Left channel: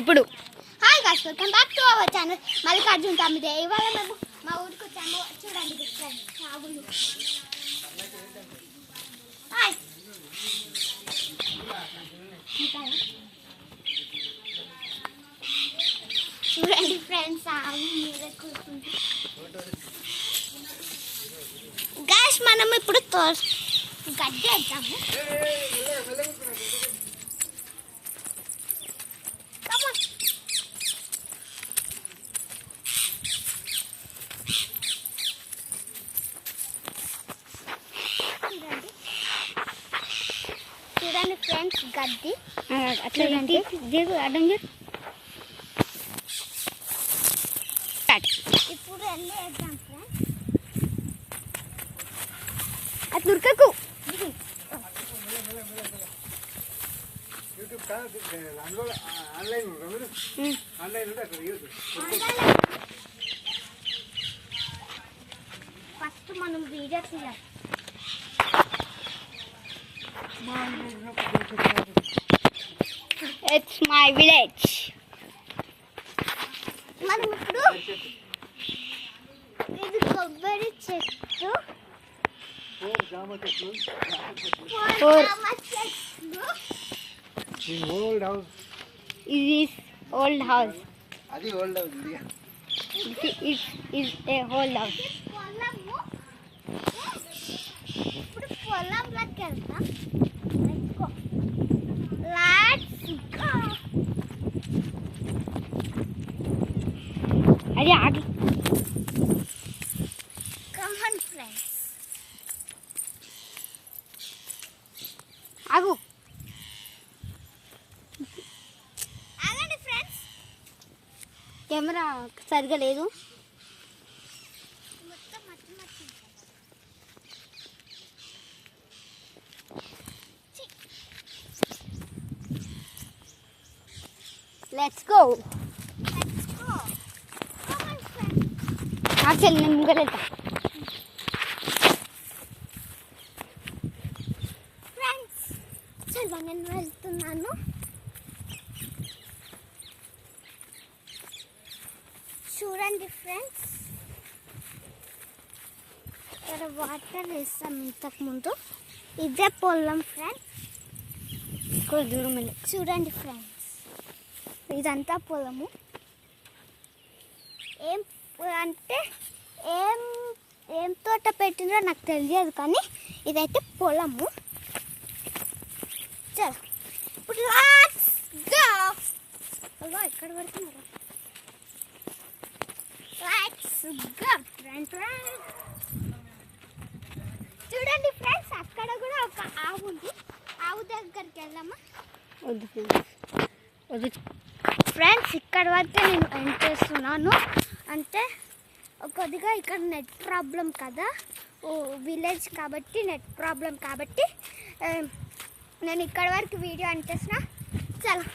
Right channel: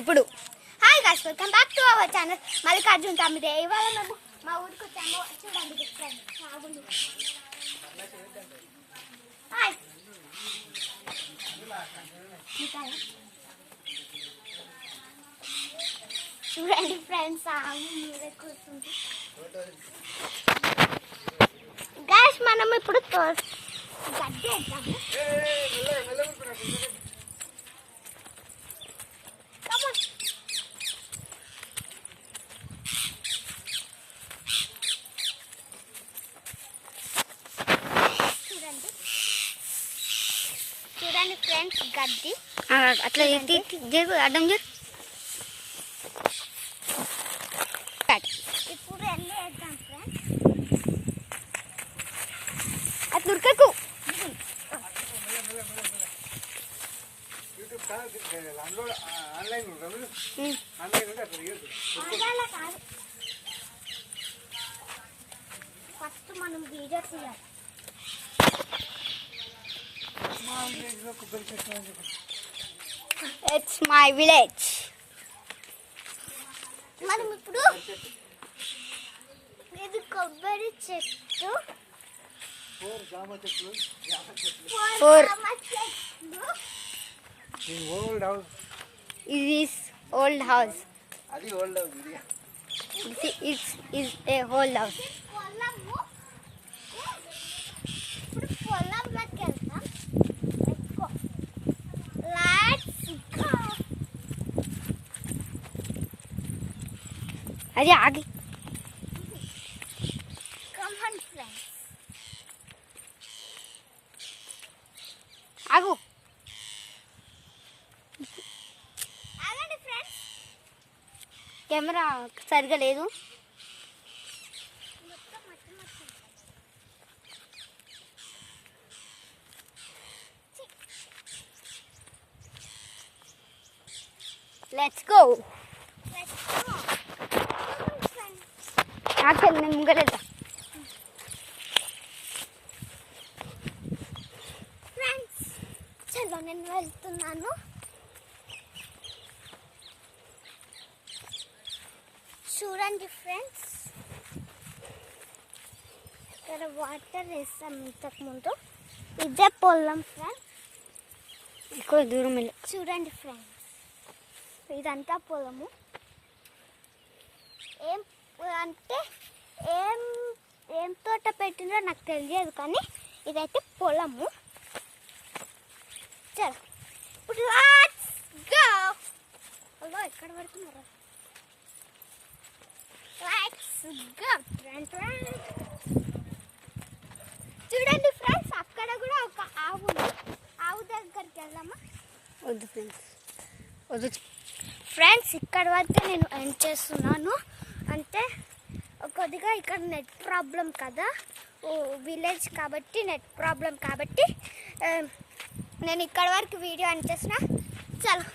ఇప్పుడు hi guys, welcome back to our channel Mallikarjun Tammide. ఇవాళ మేము మా ఊరికి వచ్చాము. చూడండి ఆవులు. హాయ్ చూడండి ఫ్రెండ్స్, ఆవు మీద కూర్చుంది. గైస్, మనం ఇప్పుడు గడ్డి వేద్దాము. చూడండి ఫ్రెండ్స్, గడ్డి అట్లా జరుగు, అడ్డం జరు. ఇప్పుడు ఎన్ని వేద్దాం ఫ్రెండ్స్. అట్లా ఉరకకు. ఫస్ట్ మనం వీడియో తీయాలి. It's my village. మనం ఇప్పుడు ఇది కొబ్బరి చెట్టు, Four. జామ చెట్లు. Old house. It is old house. అది ఓల్డ్ హౌస్ ఇది. It is a old house. పొలము. ఇప్పుడు పొలంలోకి వెళ్తాం. అది ఆగి. Come on friends. ఆగు. ఆగండి ఫ్రెండ్స్. కెమెరా సరిగా లేదు. మొత్తం మట్టి మట్టి. Let's go. Let's go. Come on friends. Actual నేను ముంగట వెళ్తా. ఫ్రెండ్స్, చలో నేను వెళ్తున్నాను. చూడండి ఫ్రెండ్స్, ఇక్కడ వాటర్ వేస్తాం. ఇంతకుముందు ఇదే పొలం ఫ్రెండ్స్. కొంచెం దూరం వెళ్ళి చూడండి ఫ్రెండ్స్, ఇదంతా పొలము. ఏం అంటే ఏం ఏం తోట పెట్టిందో నాకు తెలియదు, కానీ ఇదైతే పొలము. చలో ఇప్పుడు లెట్స్ గో. అలా ఎక్కడ పడుతున్నారా? Let's go friends. చూడండి ఫ్రెండ్స్, అక్కడ కూడా ఒక ఆవు ఉంది. ఆవు దగ్గరికి వెళ్దామా? వద్దు ఫ్రెండ్స్, వద్దు ఫ్రెండ్స్, ఇక్కడ వరకు నేను ఎండ్ చేస్తున్నాను. అంటే కొద్దిగా ఇక్కడ నెట్ ప్రాబ్లం కదా, విలేజ్ కాబట్టి నెట్ ప్రాబ్లం కాబట్టి నేను ఇక్కడ వరకు వీడియో ఎండ్ చేసిన. చలో,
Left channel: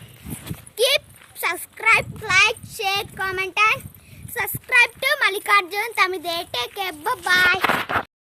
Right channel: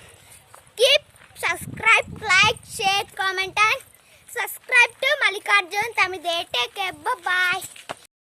keep subscribe, like, share, comment and subscribe to Mallikarjun Tamide. Take care, bye.